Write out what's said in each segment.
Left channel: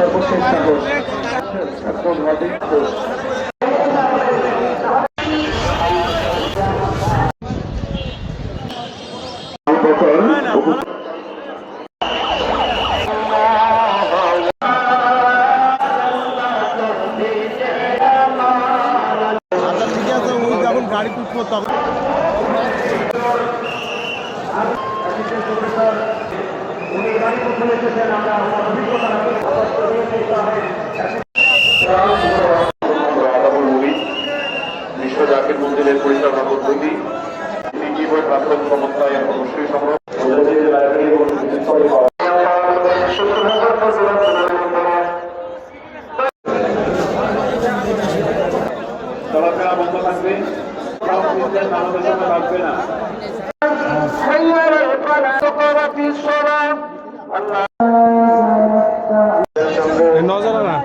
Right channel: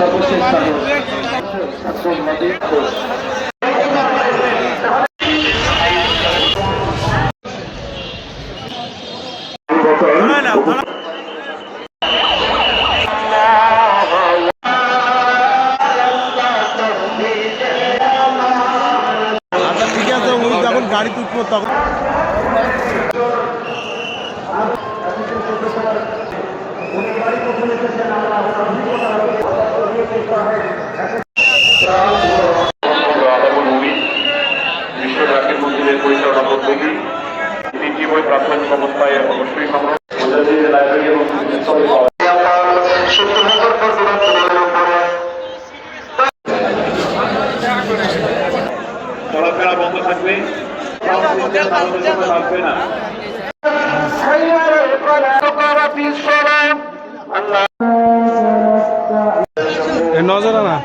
সর্বশেষ ছাত্রবাদী গাড়ি তুলতে তখন বিশ্বজাতির মন্দিরের পরিচালনা পদ্ধতি তিনটি বই প্রাথমিক অবস্থায় অবশ্যই সংগ্রহ চলাফেরা বন্ধ থাকবে লাগবে না। নজর না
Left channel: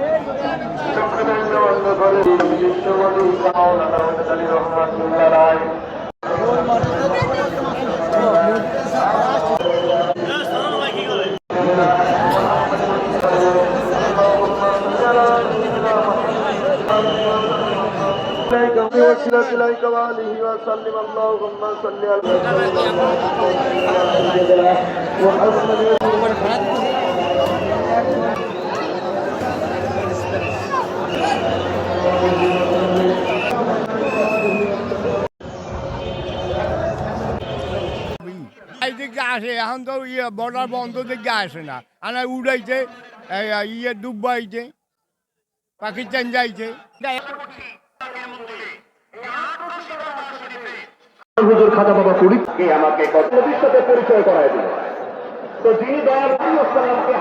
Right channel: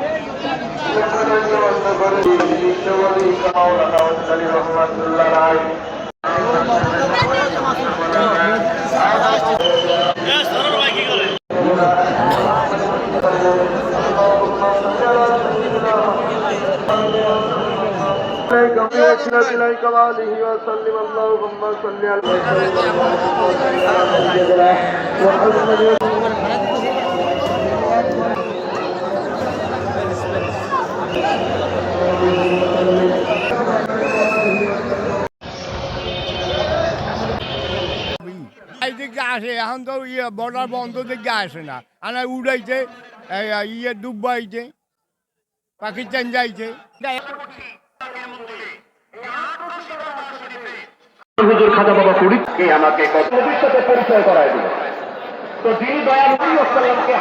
إليك وآله وسلم اللهم صل على سيدنا محمد দিকে আসে এখন তো বর্ডার বন্ধ দিকে আসে না আনা উড়াইছে ডুবাইছে পাকিস্তান যাইছে হুজুর খাজা বাবা ফরিদকে আমাকে ভবিষ্যতে পরিচয় করায় দিল। তো যিনি দয়ালু ওয়াসাল্লামকে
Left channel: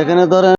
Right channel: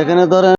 এখানে ধরেন